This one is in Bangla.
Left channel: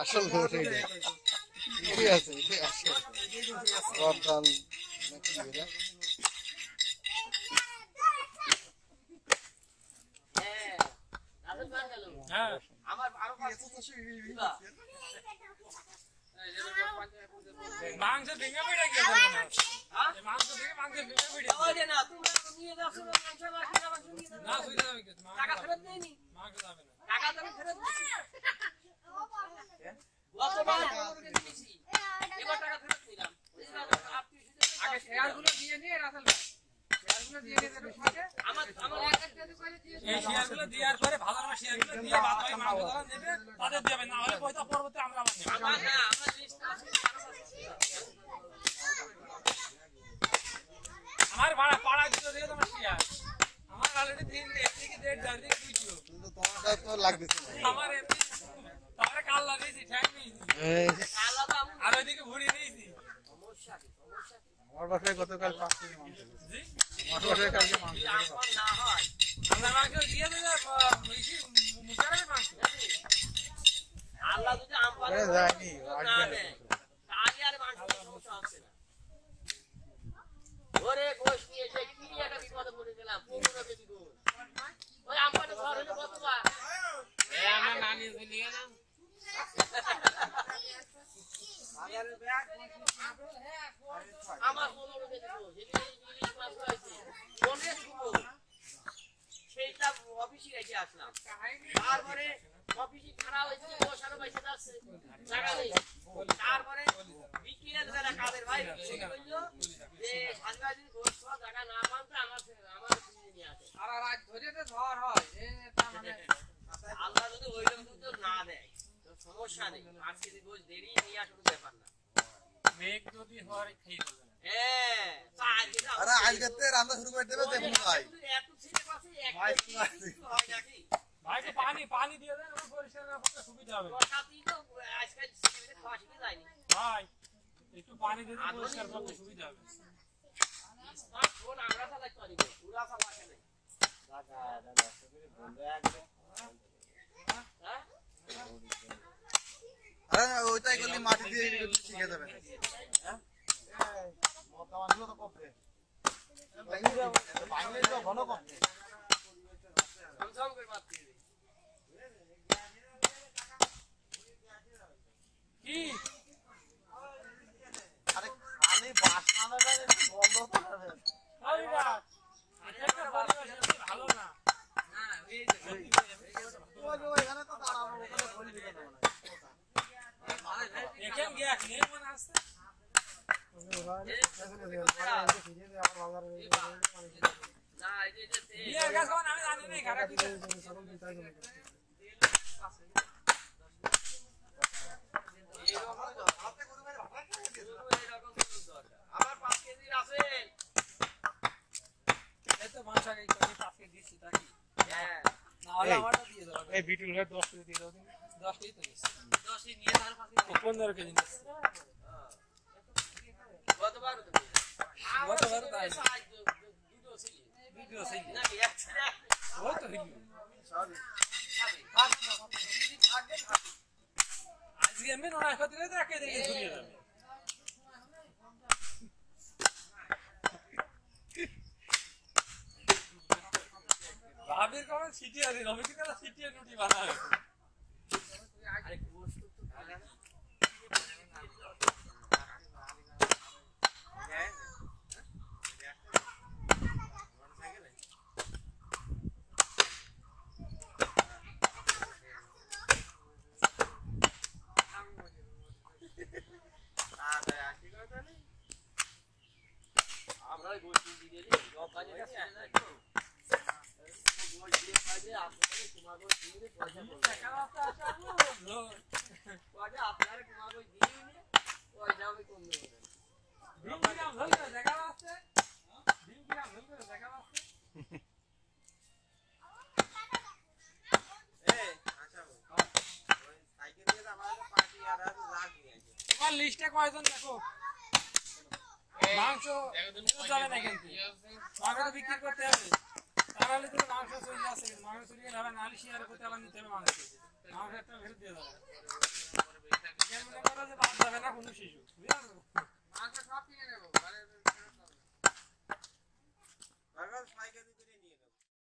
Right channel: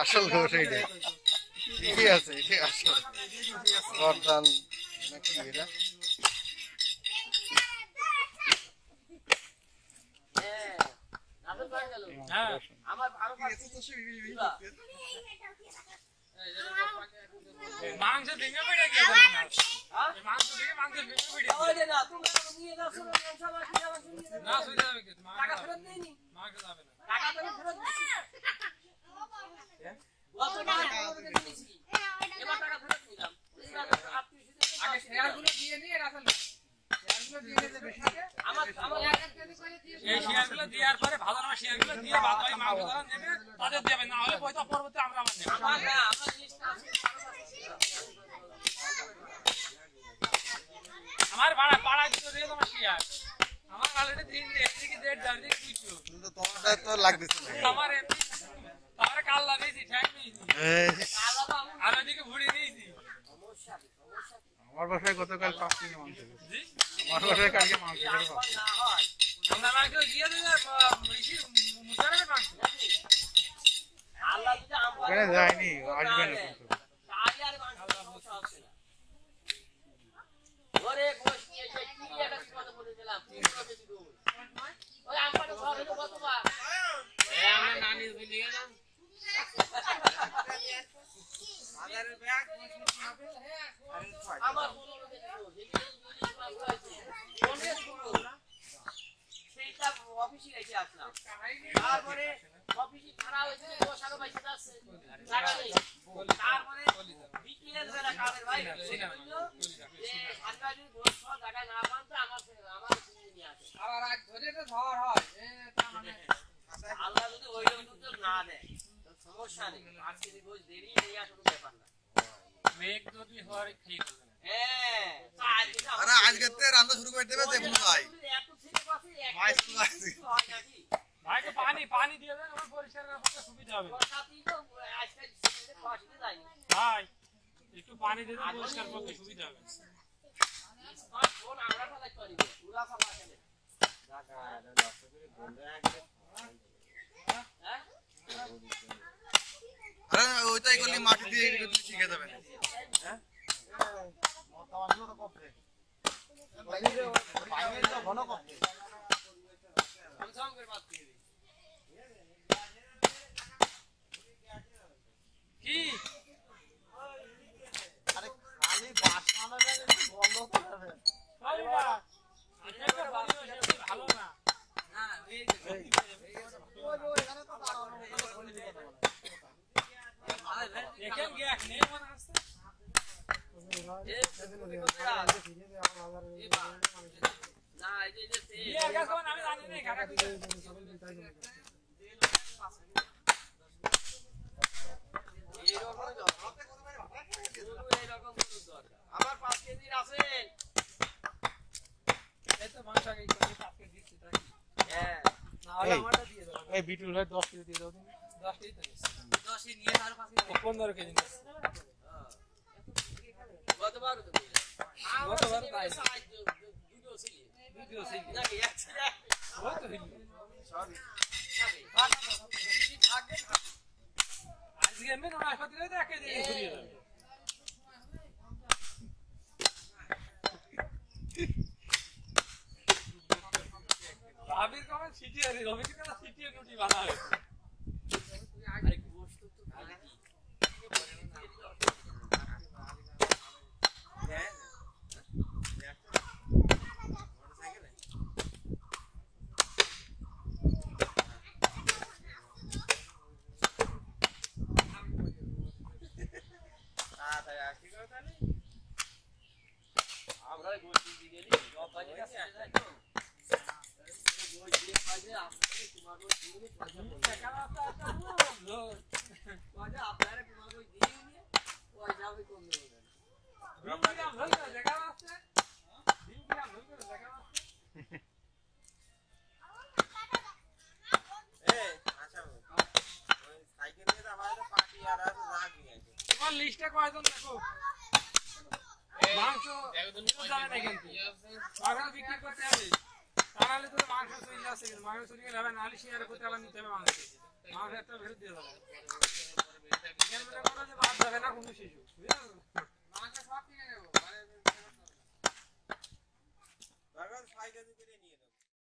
আসল ঘোষ এইটাই ঠিকই আছে, এটাই আসল বরদান নাকি এরা। মাংস ভেঙে পড়ে গিয়ে মাংস ভেঙে পড়ে না সুবিধা হবে কি টাকা ফেরত দেয়নি, মাংস যাবে না, টাকা দেবে ফেরত দিছি গতবার দিয়েছি, এবার টাকা ফেরত দিলাম। আগে শেয়ারগুলো দিয়ে নিয়ে রাসেল শেয়ারগুলো দিয়ে নিতে বেশিকে আমার এক এক কেজি করে দিয়ে এই শেয়ারগুলো দেওয়ার পরে ভালো না শেয়ারগুলো দিয়ে বাদ বাকি মাংস যারা নেবে তাদের দেবে না, হলে পয়সা পরবর্তী আমরা নেব না। আমরা জিনিসটা আমার ভাড়া পাড়া দিতে দিয়ে তোমার শেয়ার আমার অলরেডি দিন এদিকে ডেট যাবে দিকে বুঝছো কিন্তু তোমারটা তো লাগতেছে না আমার এমনি তার কাল লাগিয়েছি ঠ্যাং নিয়েছি আর ওইদিকে ভুড়ি নিয়েছি। আমার বাসায় গতকাল 5 কেজি মাংস জি আমার বাসায় কালকে মাংস না হয় আমরা মাংস দিয়ে দিলে বেশি মুখের মাংস আল্লাহ যদি আমবারে যায়নি আসবে না কাজে আর মাংস সমস্যা হচ্ছে না। ওরে গোশ নিয়ে এসে কি একটা বিপদে পড়ে গেলাম, পুরো বেশি দূর ওই আমবারে ঘর হলো কতবার এই আমরা নানি ভুলে গেলাম বাজারের ব্যাগ আমার বললো বেশি দূর যেদিকে ইংলিশ মাছ হয়েছে অনেক দূর সেইটা অফিসে রেখে আসলাম, তারপরে অফিসে খারাপ হয়েছে সাড়ে 22 যাচ্ছে টাকা নেই, তারপরে বিকেল বেলা কাদের ভাই বললো যে সানবাড়ির গোশ টাকা না পান তো আমার কিনে নিয়ে আসে আর আজ ধরে তো ঝড় হয় আল্লাহ যদি ওই রকম না দেয় তো সমস্যা নেই, 5 কেজি গোশ দেরি নিয়ে আসলে ব্যাপার না, মেঘ যদি হয় ঠিক হবে না। হ্যাঁ আরে আজকে তে রান্না শুরু করে দেবে দেখুন ভাই এত ছেলে পাশে এক হয় নাকি ভাই তো পানি দিয়ে দেন ওই পরিষ্কার করতে সুবিধা হবে, বর্ষাতেই তো আজকে ছেলে পাশে যায়নি ভাই একটু পানি দিয়ে দেন পরিষ্কার করতে সুবিধা হবে। আর ফোন আমরা ফেলাই করি পুরা ফেলা খেলে জায়গা না নষ্ট করে বন্ধ একদম হ্যাঁ আরে ওইটাই করলে মাটি দিয়ে শিখে যাবে হ্যাঁ মতামতগুলো তো করতে লাগিয়ে পানি দাও ঘন করতে আমি সাম করে মাছ দিয়ে দিই কি আরে খালি বাসনাটা বন্ধ করবে আরে বাবা এটা পরিবেশ ভালো না না এই এখানে তো দাঁড়ানো ওখানে বলি দিতে না দেখেন কি আসলে মনে আসছে না এই যে এই গাছ কোন আমি জানি না খারাপ আমার 5 কেজি আছে এত ভাষা কি 5 কেজি দিছি নাকি হ্যাঁ না হলে আমারটা দিয়ে দাও এই বিটুল ভাই 10 কেজি দিয়ে দাও 10 কেজি তো 10 নিয়ে তার পাশে 15 কেজি নিস গতবার তো তাই ভিডিও ছিল নাকি একটা ওই তো ভিডিও সরি আজকে আমি না খাতে গেলে একা দিয়ে ঘুরিয়ে যাবে ভাবির কেমন সিটিয়ে দিল আমি কিন্তু সিটিয়ে রুটি বানাবে আরে গোশত তো খালি হ্যাঁ লিস্টে কয়জন দেখো মাংস যাবে না কিন্তু মাংস বিক্রি করতে হবে তাহলে তুমি মাংস আছে কিন্তু মানুষ চুরি গেলে হবে নাহলে শেয়ার করতে আবার নিতে হবে মানুষ একটা ফেরত দিয়ে দেবে এখানে মনে করো যে বাদ যাবে না কোনো শিশু বুঝলেন